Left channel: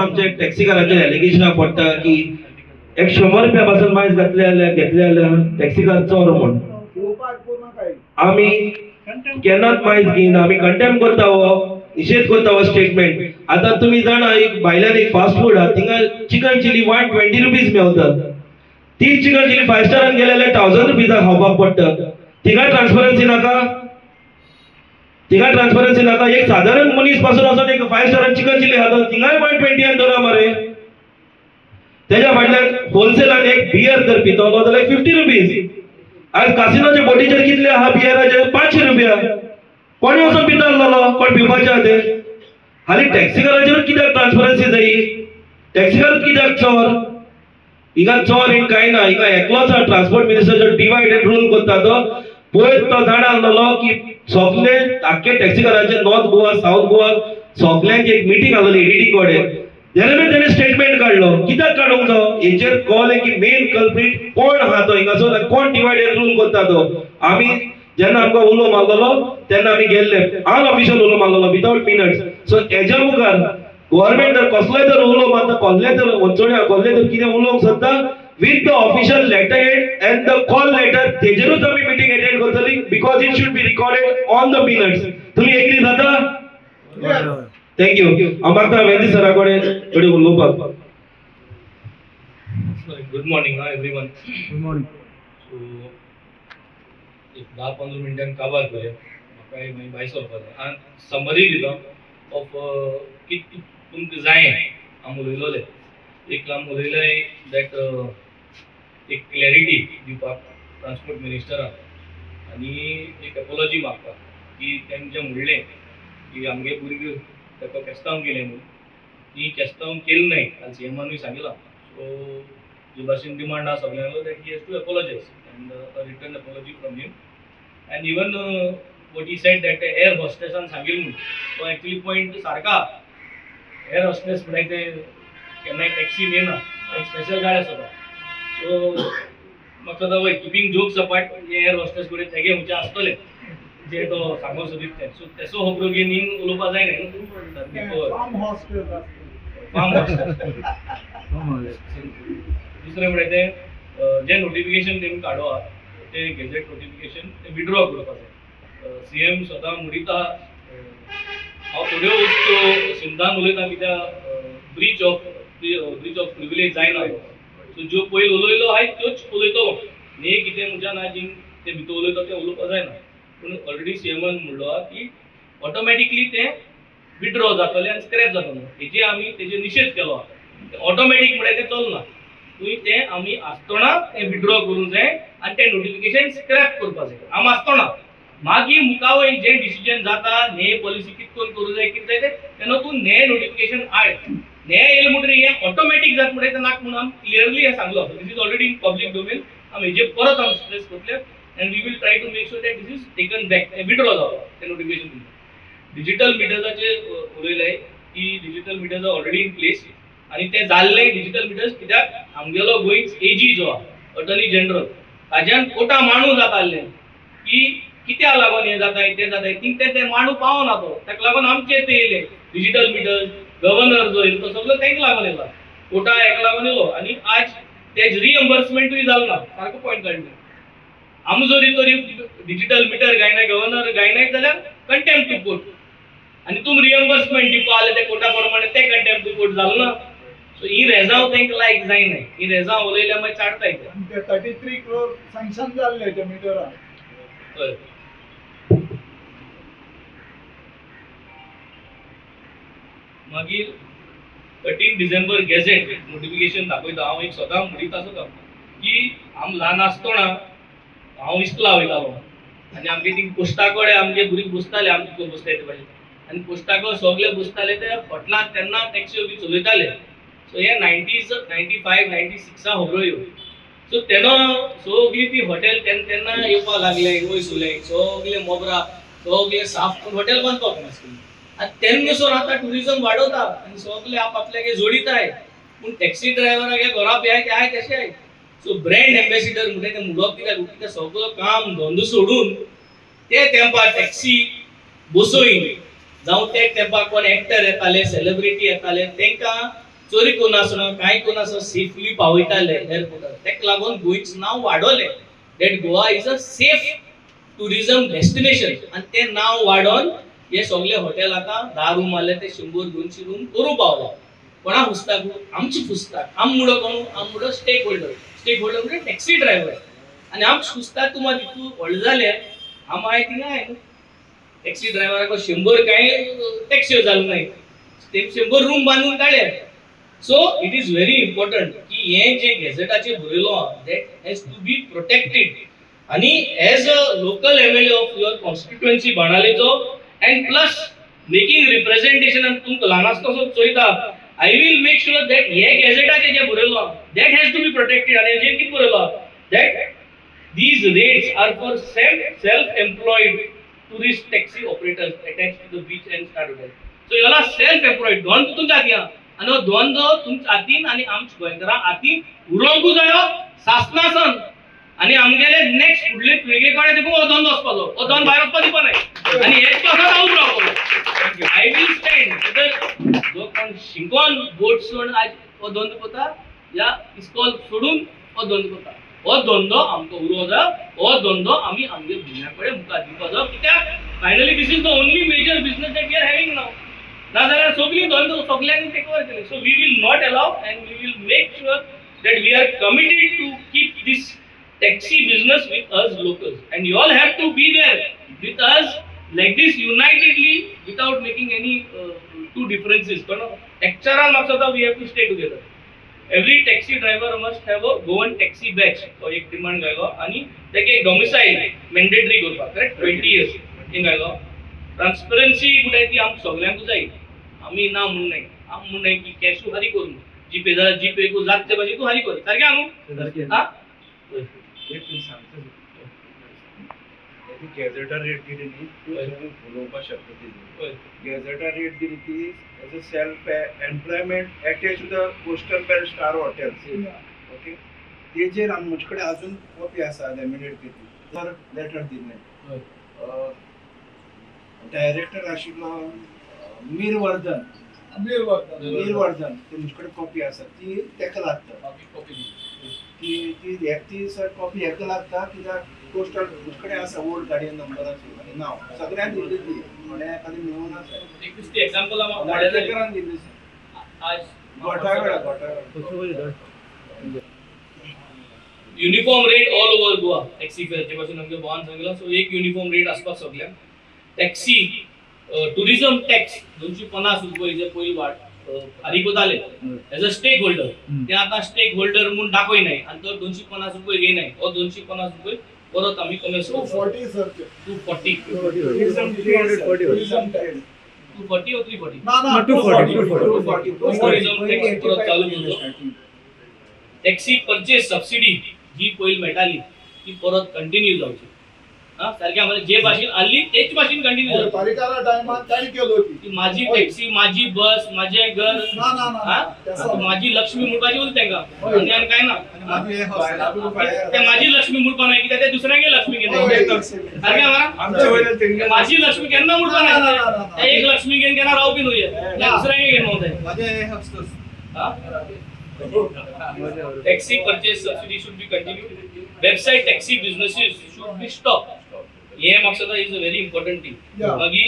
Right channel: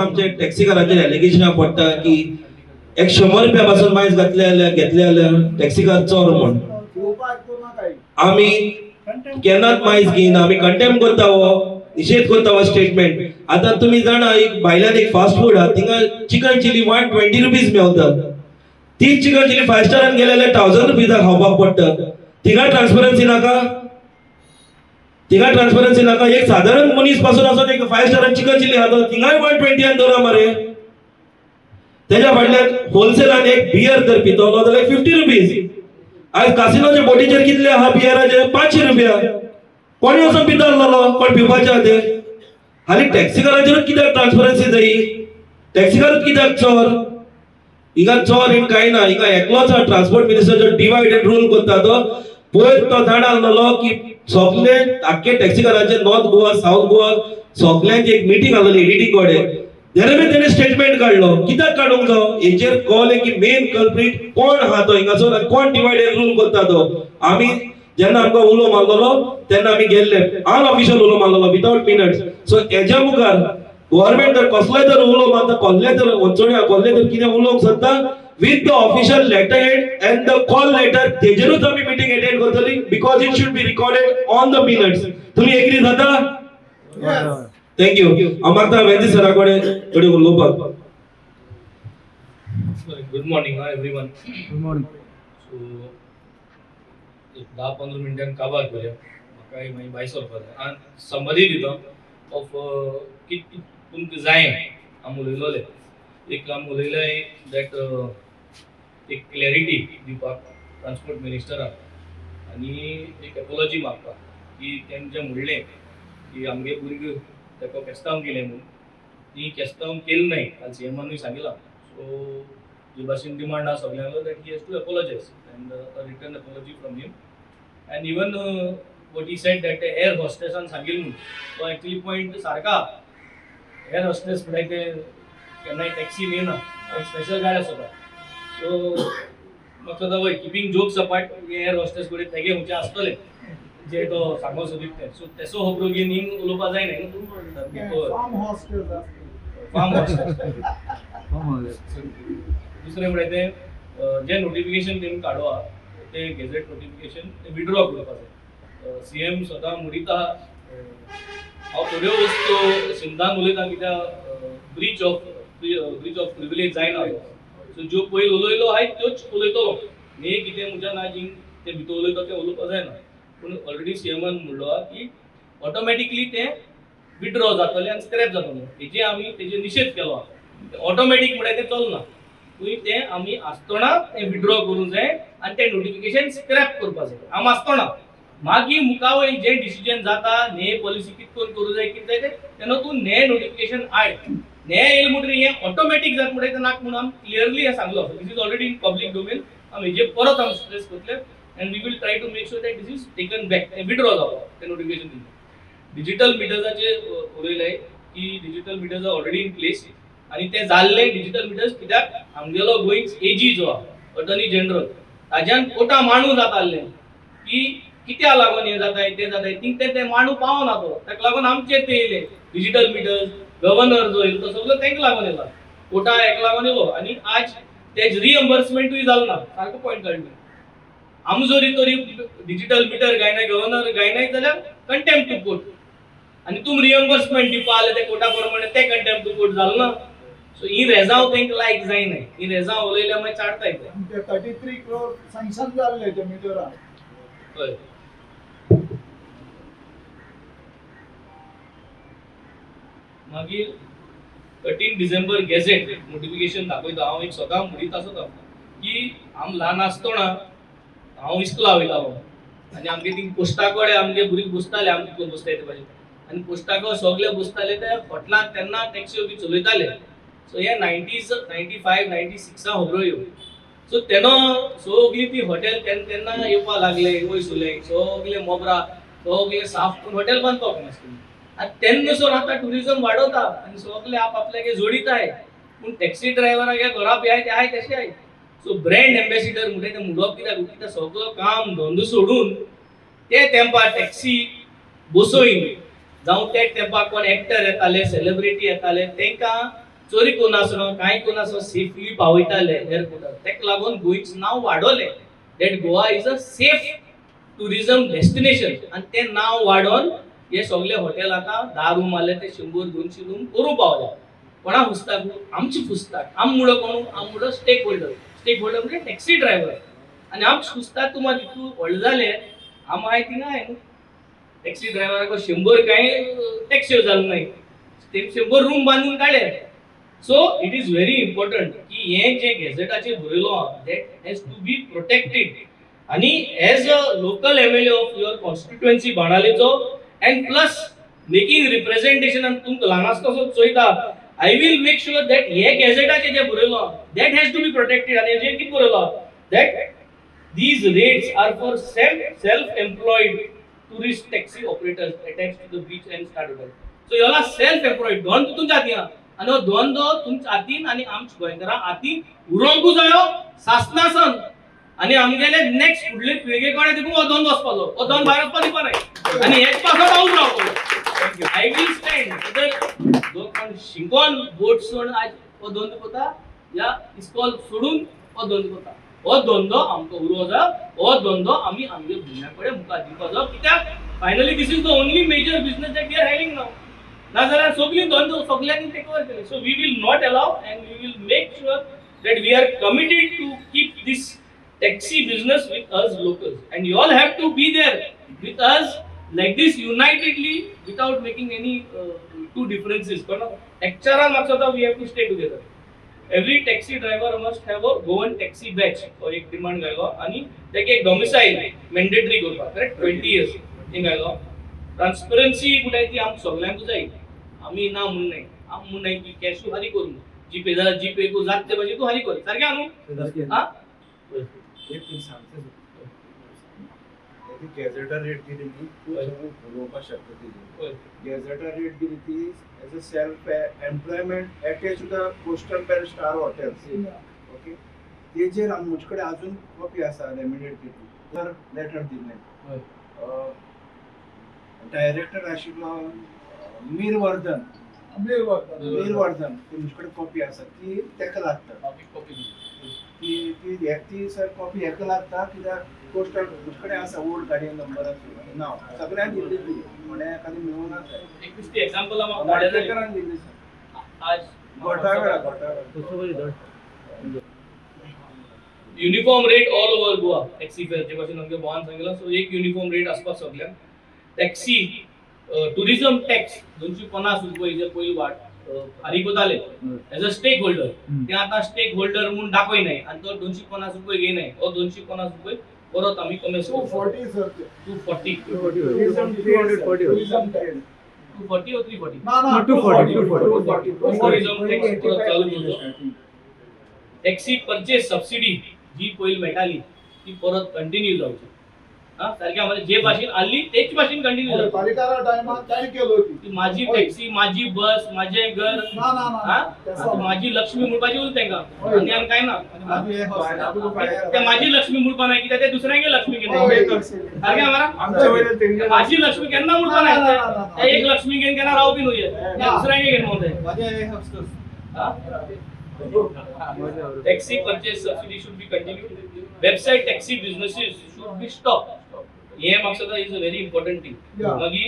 आमचे टॅक्सीकारांचेर एलिगेशनां पडटा की 100 रुपया पासून मायज घेतले जाल्यार टॅक्सीकार चोर म्हण. आमी केन्नाच मायज घेयना, आमी कंटेम करता हो निषेध करता हो स्टेटमेंट. आता तुम्ही जाणा एक भायल्यान एक फास्ट फूड हा, थिंगा चिकन चिली 120 रुपीज मेवता. ती चिकन चिली 5 स्टारान गेले जाल्यार 1000 रुपीज खावपाक पडटा. थिंगा ट्रान्सपरन्सी नाका, थिंगा ट्रान्सपरन्सी नाका. एक साधारण मनीस पासून असो एक 5 स्टारान चिकन चिली खाता, थिंगाय 120 धरा मरे. त्याच्या फाटल्यान होलसेलान एक बियर जर पितलो जाल्यार 50 रुपीज. आज कासिनोच्या बोटीचेर कितले आहा बियराचे? 500 रुपया. कोणी वचून पितालो? कोण पिवपाचे आहा ते? हाली टॅक्सीकाराचेरूच कित्याक ट्रान्सपरन्सी जायी? टॅक्सीकारूच कित्याक चोर? हिंगा चोर एक काय ना, हिंगा एकलोच ट्रान्सपोर्ट मिनिस्टर जो डिवाइड एंड रूल करता तो पयर तो जाण आसलो की सगळे आख्खे टॅक्सीकारांचे नॉर्थ गोवा साऊथ गोवा सगळ्यांची एक मीटिंग आसली एडीटी कडेन. तेणे स्टेटमेंट काढलो. कित्याक काडूंक जायो? हेचेर कळ्ळें की मेन कल्प्रीट कोण आहा तो हिंगासर आनी कोण डिवाइड एंड रूल करता तो. आमी जेन्ना आमकां उलो मारलेलो तेन्ना आमी गेल्ले अनऑफिशियल उलो मारलेलो विदाउट मिनट्स. सो हेच्या मुखार गव्हर्नमेंट जर कसलोय तर उलो मारता, कसले तर वंचोड्या कसले तर कितें उलोवंक सोदता with the official letter head and the call letter, तेजेरूच आमी मीटिंग अटेंड करतली because it should be recorded on the minutes. तुम्ही एग्री जाता? Thank you. हांव मागता वेंदी सरा कडेन उलोवपाक. Good morning everyone. Good morning. So एक 10-15 मिनटां काबार करूया. म्हाका मागीर भायर सरपाक जाय. हांव समरी दिता ऑफ कित तुमकां जाय आम उलयलोले. एक आम उलयलें दॅट एक क्लॅरिटी दिवपाक ट्रान्सपोर्ट मिनिस्टराक आनी एक एपोलॉजी मागता की तेंचें म्हणलें की आमगे भुरगीं ताका केस्तांव केलें म्हणून. ती केस्तांव केली नाय, काल सीएमानूय सांगलां. सो जे भाशेन डिमांड आसा सगळ्यांक that he has to apologise and return apology from him. And even what he said that air हॉस्टेसान सांगिल्लें म्हणून तो एक्चुअली पॉयंट सारका. एअर हॉस्टेस म्हळ्यार ते केन्नाय टॅक्सी येना, एक स्पेशल गाडी आसता. सो म्हाका दिसता वय keeping jokes apart air hostess कडेन तेगे खंयचे आसतले जे तो सांगूंक सोदीत ते. सो तेसो हो प्रोगेनीन उलोवपा जायना न्हू. फार्म हॉस्टेस. दुसरें म्हळ्यार ते जे नोटिफिकेशन तेमी काडवा ते गेजेट नोटिफिकेशन ते विड्रॉ करपा जाय. सीएम स्वता म्हणीत आहा. हांव थोड्यो वस्तू सिंधान उलयता कित्याक ब्रीच ऑफ प्रिविलेज जायना. सो ज्यो पयलीं उलयलो आहाय त्योच उलयतलो. न्ही कितें म्हज्या नाजीन ते भितर उलयता तें उलोवपा जायना. पूण ऑलरेडी सीएमान म्हणलो आहा की ऑटोमॅटिकली तें विड्रॉ जातलें आनी स्क्रॅप जातलें. हेजे आमी तेजे निशेध केलो आहा. ऑटोमॅटीक म्हळ्यार तें चलना. तें आमी आसतना तें विड्रॉ करूंक जाय आनी तें नोटिफिकेशन स्क्रॅप करपा जाय. आम आसतना मागीर मुखावय जे डिसिजन जाता न्हे पॉलिसी कितकोन करूं जाय कितें जाय तेन्ना तूं न्हे नोटिफिकेशन आय न्हे येयले म्हणटरी हें ऑटोमॅटीक जाता म्हणटा तें नाका म्हणून आमी क्लियरली हें सांगलो. This is already in public domain. आमी हेजेर परत आमी स्ट्रेस करतले and we will try to make sure that this is taken back. Withdraw जावं तें नोटिफिकेशन. डिजिटल मिटर्साचे उलयलें की digital meters are already in place आनी ते जाल्ले डिजिटल मिटर्स कित्याक आमगेलो गोंयच एजी जो आहा अटर्नी जनरल ताज्यान कोटा मांडूं जातालें की कित्याक लागून हें जाताय तें जाताय तें मांडू पावना तो. ताका लागून आमचेर ते येयले डिजिटल मिटर्स. गव्हर्नर जो येयलो तो सगळो तांकां लागून येयला. कोटा हेका लागून येयलो आनी आज तेज रिएम्बर्समेंटूय जालना. सारको पॉयंट काडलो. आमी जरी तरी डिजिटल मिटर गायनाय गव्हर्नर गायनाय जाल्यार कंटेम्प्ट टू कोर्ट आनी तुमी रिएम्बर्समेंट दिवपा आले ते कोटा प्रमाणे ते कंटेम्प्ट टू कोर्ट जालना. सो ही रेजांव तेंकां लायक जायनाय. ही रेजांव उलयल्यार मागीर चाडटाय ते. 33 crore सँक्शन जाल्ले ते मिटरान. हय. मागीर 13 डिसेंबर गॅझेट नोटिफिकेशन दाखयता. हांव एक सदां म्हणीत आसता की आम ल्हान आसतना हांव इस्कुला वयतालो आनी आमगे थिंग पोस्टा कडेन आमगे भुरगीं बसताले आमी तितून बसताय ते भाशेन आनी पोस्टाको सगळे बसताले ते हॉटेलांत तेन्ना टॅक्स्यो बी चलयताले. सो हे 90s 95 96 खबरो ह्यो. सो तेन्ना सगळीं ती हॉटेल तेन्ना येवपाक लागले वयसुले सगळे मोबरा सगळे साफ करून हॉटेल बांदपाक नासली. आनी तेन्नासून आतां ट्युरिजम वाडवता आनी सगळे आपल्यागे जोडिताय. पूण टॅक्सी ड्रायव्हराक घरा पेहाय ते आहाय तशें आहाय. सो ब्रँड एम्बेसिडर म्हणटा ते म्हणप कित्याक सगळं काम धंदो सोडून ते तेंपार टॅक्सी बसोयन जावं ते तेंपार कोण एक्टर येताले सेलिब्रिटी येताले तांकां चोरी कोण आसना कांय कोण आसना सेफली पावयताले एअरपोर्टार तेका लागून गोंयचं नांव वाडवलें that Goa is a safe tourism destination आणि ते नाव वाढोवन हे सगळे हॉटेल आता 10 रूम आले ते 100-200 रूम करू पावले कोणा पुस्तक आमची पुस्तक आम मुळो कोण आम मुळो स्टेक होल्डर म्हणजे टॅक्सी ड्रायव्हर आणि आमची पुस्तक तुम्हाला इतू व्हड जाले आम माहिती नाही टॅक्सी ड्रायव्हराक 100 काय टॅक्सी जालो नाही ते 100 रूम बांधून काढले so it is very important की हे जे गॅझेटाचे बरयलो that has to be protected आणि as a local MLA of your constituency बाणालेचो अँड प्लस मेकिंग रिप्रेझेंटेशन आणि तुमकां ल्हान आसतना चोयता I will make sure that हे गॅझेटाचे जे बरयलो that has to be protected आणि जे कितें बरयलो that these rates are for self-employed tourist taxi operators attached to the beach and start hotel. So you are self-employed. दोन तुमच्या हातीन आणि हो दोन तुमच्या हातीन आणि आमच्या गोंयकारां हातीन उरोंकू जायो शासनासन आणि आमगेले नेक्स्ट फुडले पिळगे कडेन देखून हो दोन वचपाचो हो दोन भायर वचपा दिवपा न्हय आणि हेच पासो रावून रावतलो आय विल स्टँड वेदर जो कोण शिंकोन बोट सोडून आज हो दोन कोता या इस्कॉल सोडून हो दोन कोता हो धंदो आमकां उरो जा हो धंदो आमी आमगे भुरग्यां कडेन मुखार दिवपाचो कित्याक finally this is the only major business that we are having नाव नाजाल्यार सगळी धंदो सगळ्यांनी टेक ओवर केले so we will not allow and we will make sure that we are committed to keep this taxi business with us locals and you all have to be there with us like this unitedly without making any two differences but actual maksada we have to stay together every taxi driver must have a Goan taxi badge or ek demand gailo ani teke ek domicile mandatory करपा correct 20 years in gailo transparency कुठे ती आम सगळ्यांक जाय आम्ही ना म्हण नाही आम म्हण नाही की कॅश हरी करू जीपे जरा जीपे को जात ते पाहिजे तू हरी कर सारखे आणू हा एक तूं सांगता गॅझेटार रेट दिली न्ही तूं उलोवपाक शकता तेजी गॅझेटार रेट दिली ती as a self employment attach to the coastal belt star hotels okay तेजेर म्हजे कडेन अजून कॉपी आसा लॅमिनेट केली तर लेटर दिल्लें डायरेक्टर आशिल्लो मीरवर्धन ती म्हजे कडेन कॉपी आसा ती तेका लागता ती सर कॉपी हेका लागता कित्याक पोस्टल म्हजे कडेन आसा ओल्ड गाडयेन नंबर आसा नांव सगळ्यांक दिल्ली ती म्हणे एखादी मेळून आसा एक दिसती एग्जांपल वाडेकरान दिल्ली आज घोटाळा uniform rate all over Goa taxi fair जे पासून आमगे भोवान सांगला सो एक युनिफॉर्म रेट आसपाक सगळ्यांक टॅक्सी टुरिझम टॅक्स 250 रुपये जे पयली वाट फारीक कोताले एज अ स्टेक होल्डर ते आता स्टेक होल्डर म्हणून दाखय नाही आणि तो 250 रुपये घे नाही ओ 250 रुपये परत आम्ही कमी 240 सर 240 240 or 340 ना 240 टुरिझम टॅक्स परत चालू करतो टॅक्सी परचेस सबसिडी जी पयली मेळटाली ती परत कंटिन्यू जावची हा सारख्या म्हणजे जे भाषेन आली तेच भाषेन कंटिन्यू जावची पालिकारा टायमार ताणी केलो ती माझी टॅक्सी माझी बस माझे घर ना माझी लक्ष्मी म्हणपाची बोल तेंका आणि काय ना ते माझी लक्ष्मी म्हणपा नाही की ते दुसऱ्यागे लक्ष्मी घेणे सारखे आम्हाला माझी लक्ष्मी केन्ना म्हणपा नाही ते एक लक्ष्मी घेऊन केना राव बी नये दुसऱ्यागे घेऊन म्हणते taxi purchase subsidy should be continue website taxi businesses should be stop ये मकसद is a very important thing मागी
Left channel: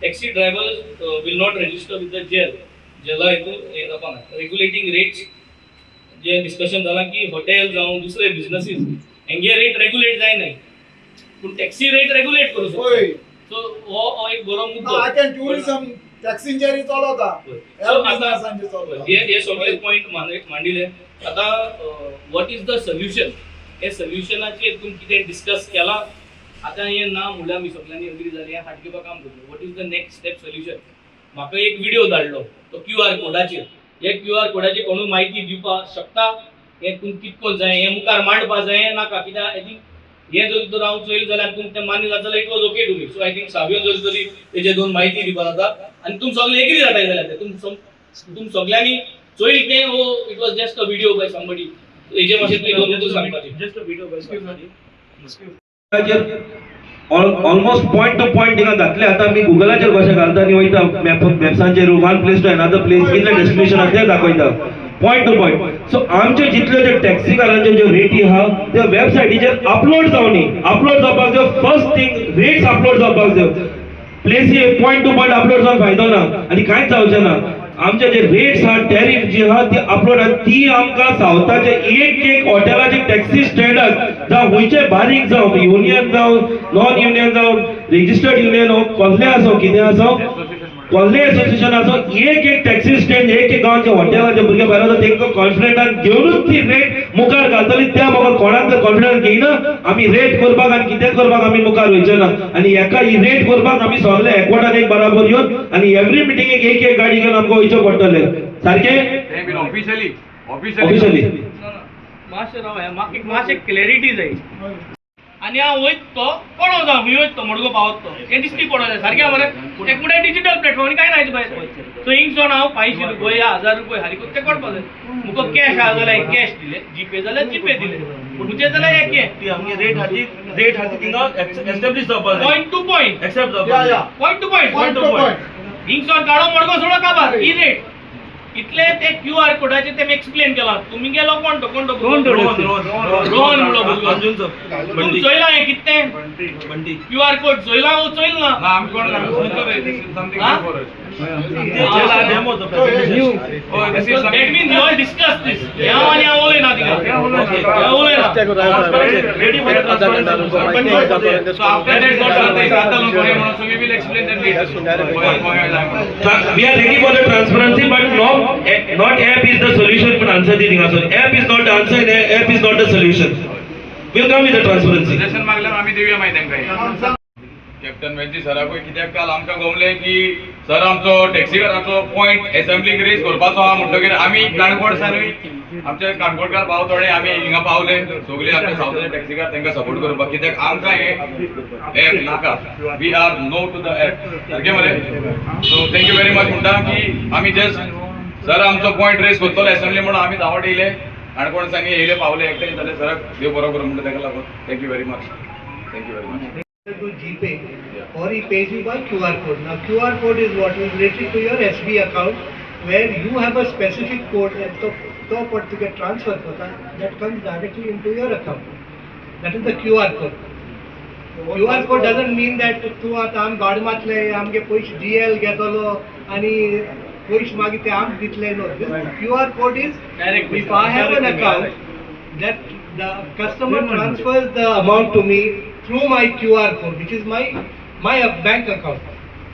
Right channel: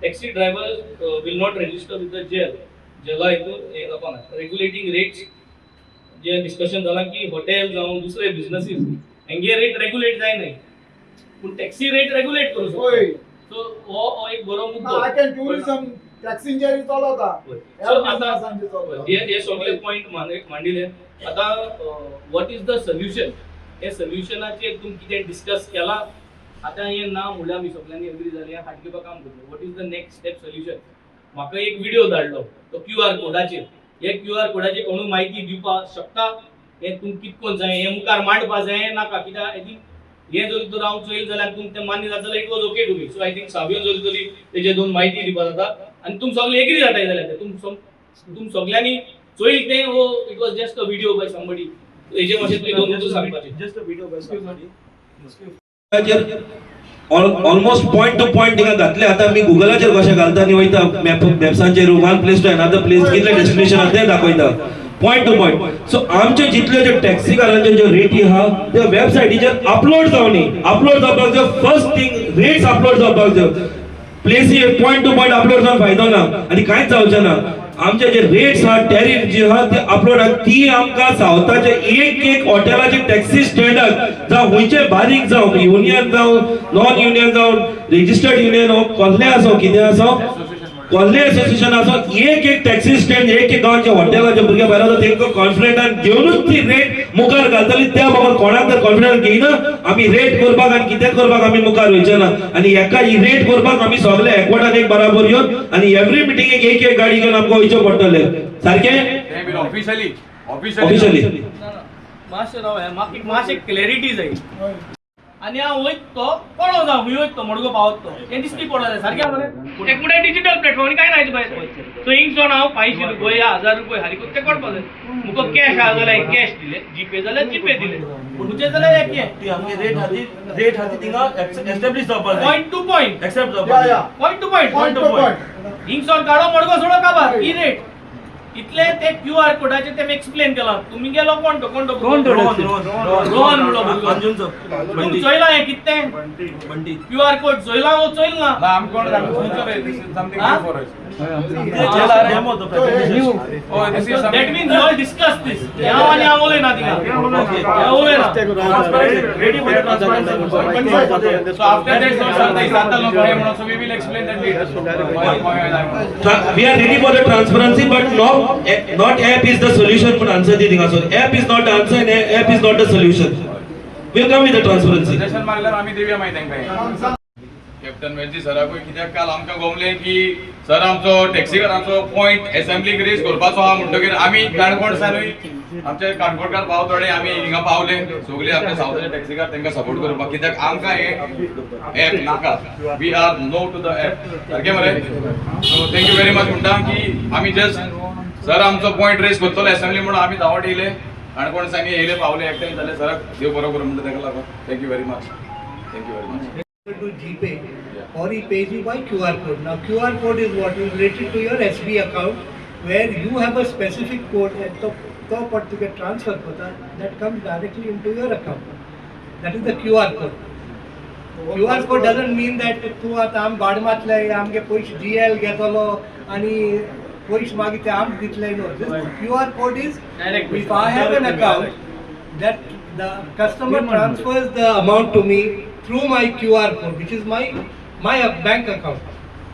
taxi drivers will not register with the जेला हे दाखवना रेग्युलेटिंग रेट्स जे डिस्कशन झाला की हॉटेल जाऊन दुसरे बिझनेसेस हेंगे रेट रेग्युलेट जाय नाही पण टॅक्सी रेट रेग्युलेट करू शकतो सो हो एक बरो मुद्दो आकेन टुरिझम टॅक्सींचेर चलता हे सगळे पॉइंट मांडिले आता व्हॉट इज द सोल्युशन हे सोल्युशनाचेर तुम्ही कितें डिस्कस केला आता हे ना म्हणल्यार आमी सगळ्यांनी अग्री जाली हाडकेपा काम करतलो what is the next step solution म्हाका एक व्हिडिओ धाडलो तो QR कोडाचेर हे QR कोडाची कोणूय म्हायती दिवपाक शकता हे तुमकां कितकोन जाय हे मुखार मांडपा जाय नाका कित्याक आय थिंक हे जर तर हांव चोयल जाल्यार तुमकां तें मान्य जातलें it was okay to me so I think सावयो जर तरी तेजे दोन म्हायती दिवपा जाता आनी तुम सगळे एग्री जाताय जाल्यार ते तुम सगळ्यांनी चोयल तें oh it was just a video by somebody हेजे मातशें तुमी दोन सांगपाचें just a video by almost point to point थिंगा घातले. आतां आमी गुगलाचेर कशें घालता आनी वयता मॅप्सांचेर one place to another place कितले डेस्टिनेशन आहा ते दाखयता पॉइंट टू पॉइंट. सो आमचे जितले जे टॅक्सी कारांचे ज्यो रेटी आहा त्या वेबसायटीचेर अपलोड जावनी. अपलोड जावपाक जाय फर्स्ट थिंग रेट्स अपलोड जावपाक जाय. प्लेसी पॉइंट टू पॉइंट अपलोड जावन फायदो ना आनी कांयच जावचें ना. आमचे जे रेट्स आहा टॅरिफ जी आहा ती अपलोड आहा ती आमकां सावथाचे एक हॉटेलाचे टॅक्सी स्टँडाक जावं खंयचे बारीक जावं युनियन जावं नॉन युनियन जावं रेजिस्टर्ड युनियन कसले आसो कितें आसो कसले एसोसिएशन आसो एक टॅक्सी स्टँड एक गांवच्या हॉटेलाचे भुरगे भायर आसा तांकां कॉन्फिडंटान घेवनूच ती रेट मुखार घालतली. त्या म्हाका कोणाक तर कॉन्फिडंस घेयना आमी रेट करपाक आनी कितें करपाक आमी मुखार वयचे ना. आनी एका ही रेट करपाक आमी सगळे एकवटान एक बराबर येवन आनी एवरी मिटिंगेक एक गाडी घेवन आमकां वयचें पडटलें. सारकें ऑफिशियली मातशें राव म्हाका मातशें क्लॅरिटी जाय. आनी हांव वयत तो कोणो जावं खंय वयत तो मडगो पावत तो हें दिसती पडो जाय सारकें मरे. एकूण डिजिटल प्लॅटफॉर्म काय नाही पळय. सो हिंगसोन हांव 500 रुपया 1000 रुपया हारी ते कोणपा जाय. मुको कॅश आहा जाल्यार कॅश दिले, जीपे जाल्यार जीपे दिले, तुमचे जाल्यार एक ती आमगे रेट हाती थिंगा एस्टॅब्लिश जावपाक जाय. पॉइंट टू पॉइंट एक्सेप्ट जावपाक जाय. पॉइंट टू पॉइंट हिंगसोन काडो मडगो सोडो काबार ही रेट. इतले ते QR कोडाचे ते एक्सप्लेन केला. तुम्ही गेलो कोण तो रोहन म्हणलो अंजुनचो बंडी चोयला हे कितें बंडी QR कोड चोयला ओ चोयल ना आम कोण डेमो तो presentation. that means you all discuss this. या आणि आवले ना तिला या आवले ना ready for transparency. so after that not so we will explain that later. We are ready for the transparency, but not app is the solution for answer the thing. Also, app is not the answer, and app is not the solution. We'll come with the transparency. Suggestion मागल्यार आमी दिवया मागीर तांकां. Captain वेंची सराकूय कित्याक काल आमकां गोवलें की sir आमचो टॅक्सीकारांचो पॉयंट एसेंब्लीक रेज करपाचो आहा म्हणटकीर आमी काणकोणसानूय आमचे काणकोणकार पावतले आमी हिंगा पावले सगळे आमचे सावथाचे टॅक्सीकार तांकां सपोर्ट करपाक. कित्याक आमकां हे एप नाका. We are no to the app. सारकें मरे. सो थँक्यू व्हेरी मच म्हणटा की आमी जस्ट सर आमचो पॉयंट रेज करतलो एसेंब्ली म्हणून आमी धांवट येयले काणकोणसांगे येयले पावले एकठांय जाल्यार सराक देव बरो करूं म्हणटा ताका लागून thank you very much. Thank you very much. To GPay or he pays you by QR code. Now QR code is what is related to your SB account where you have a specific code and to particular transfer होता that comes directly into your account. That is the QR code. QR code doesn't mean that तू आता आम बाडमातले आमगे पयशे DL घेतलो आणि पयशे मागीर ते आम दितले. No, this QR code is Direct. if I have an account that the customer transfers the amount to me through my QR code, which is my bank account.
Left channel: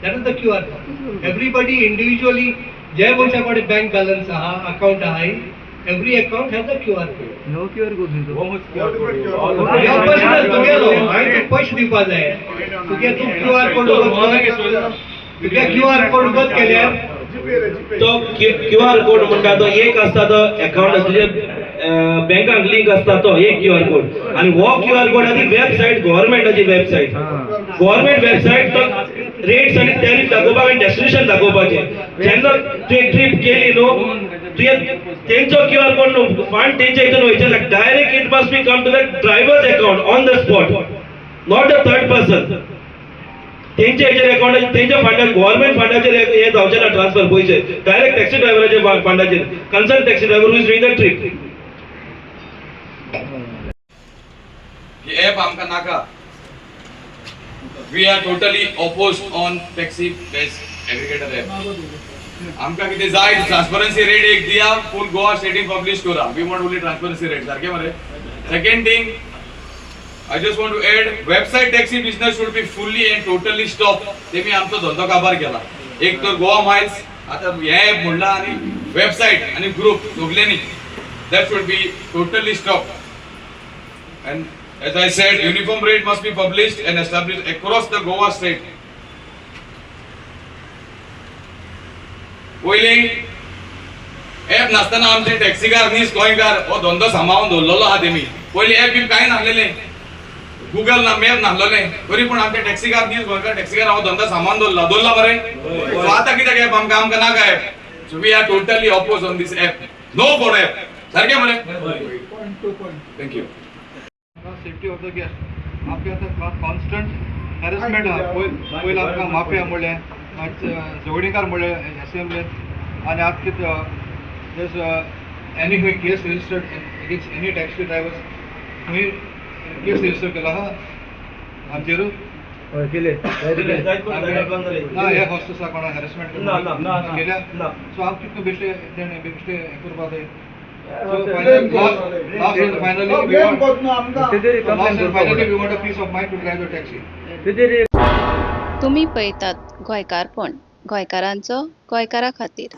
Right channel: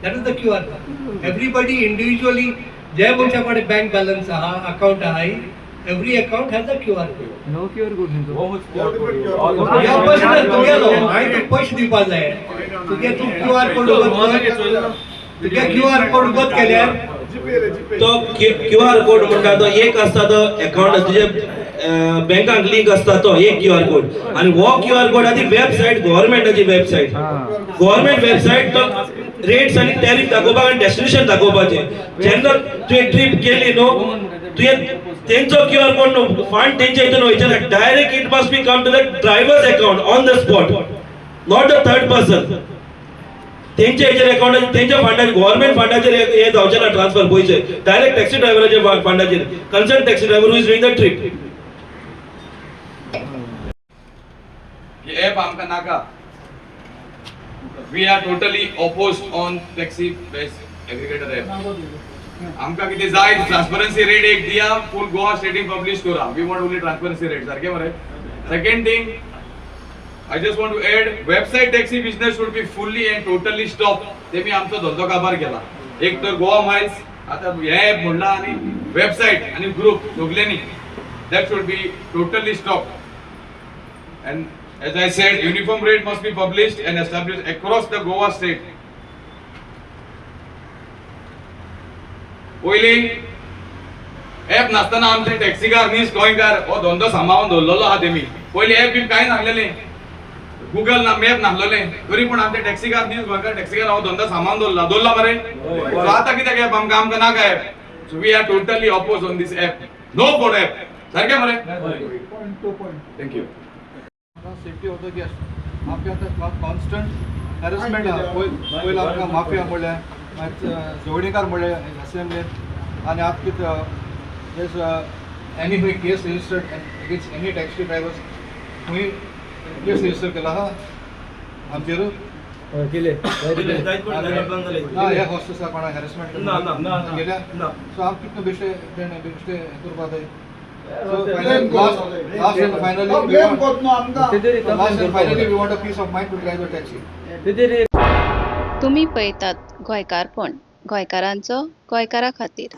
That is the QR code. Everybody individually, जे मनशा कडेन bank balance आहा, account आहा, every account has a QR code. No QR code या personal तुगेलो, हांवें तुका पयशे दिवपा जाय. तुगे तू QR code तुगे QR code उगत केल्यार तो QR कोड म्हणटा तो एक आसता तो अकाउंट तुजे बँकाक लिंक आसता तो एक QR कोड आणि वो QR कोड आदी वेबसाइट गव्हर्नमेंटाची वेबसाइट. गव्हर्नमेंट वेबसाइट तो रेट्स आणि टॅरिफ दाखोवपाक आणि डेस्टिनेशन दाखोवपाचे. जेन्ना तुवें ट्रिप केली न्हू तुवें तेंचो QR कोड न्हू फंड तेंच्या हितून वयचे direct it must be come to the drivers account on the spot not the third person. तेंच्या हेचेर अकाउंटाचेर तेंच्या फंडाचेर गव्हर्नमेंट फंडाचेर हे जावचे ना ट्रान्सफर पयशे डायरेक्ट टॅक्सी ड्रायव्हराच्या फंडाचेर concern taxi driver who is doing the trip. ही ॲप आमकां नाका. We are totally opposed on taxi based aggregator app. आमकां कितें जाय ट्रान्सपरन्सी रेट एक दिया फूल गोवा स्टेटीन पब्लीश करा. We want only transparency rate. सारकें मरे. Second thing I just want to add, website taxi business should be fully and totally stopped. तेमी आमचो धंदो काबार केला. एक तर गोवा माइल्स आता हे ॲप म्हणला आणि वेबसाइट आणि ग्रुप सगळ्यांनी that should be totally stopped. And as I said, uniform rate must be published and established across the Goa state. पयली ॲप नासतना आमचे टॅक्सीकार नीस गोंयकार हो धंदो सांबाळून दवरलेलो आहा तेमी. पयली ॲप बी कांय नासलेलें. गूगल ना मॅप नासलोलें तरी पूण आमचे टॅक्सीकार नीस गोंयकार टॅक्सीकार हो धंदो सांबाळून दवरला मरे. सो आतां कित्याक ॲप आमकां नाका app. So we are totally oppose on this app. No for app. सारकें मरे. Thank you. Safety of the guest आपके होता कॉन्स्टेंट हॅरेसमेंट आहा पयलीं आमकां माफिया म्हणलें मागीर झगडीकार म्हणलें असेंब्लीन आनी आतां कितें एनी खंय case registered against any taxi drivers खंय केस रजिस्टर केला आहा आमचेर ना हे हॉस्ट आसा कोणा हॅरेसमेंट केल्या सो आमकां कितलो बेश्टे तेणें बेश्टे हें करपा जाय So last and finally we want a peace of mind to drive the taxi. तुम्ही पळयतात गोंयकारपण गोंयकारांचो गोंयकारा खातीर.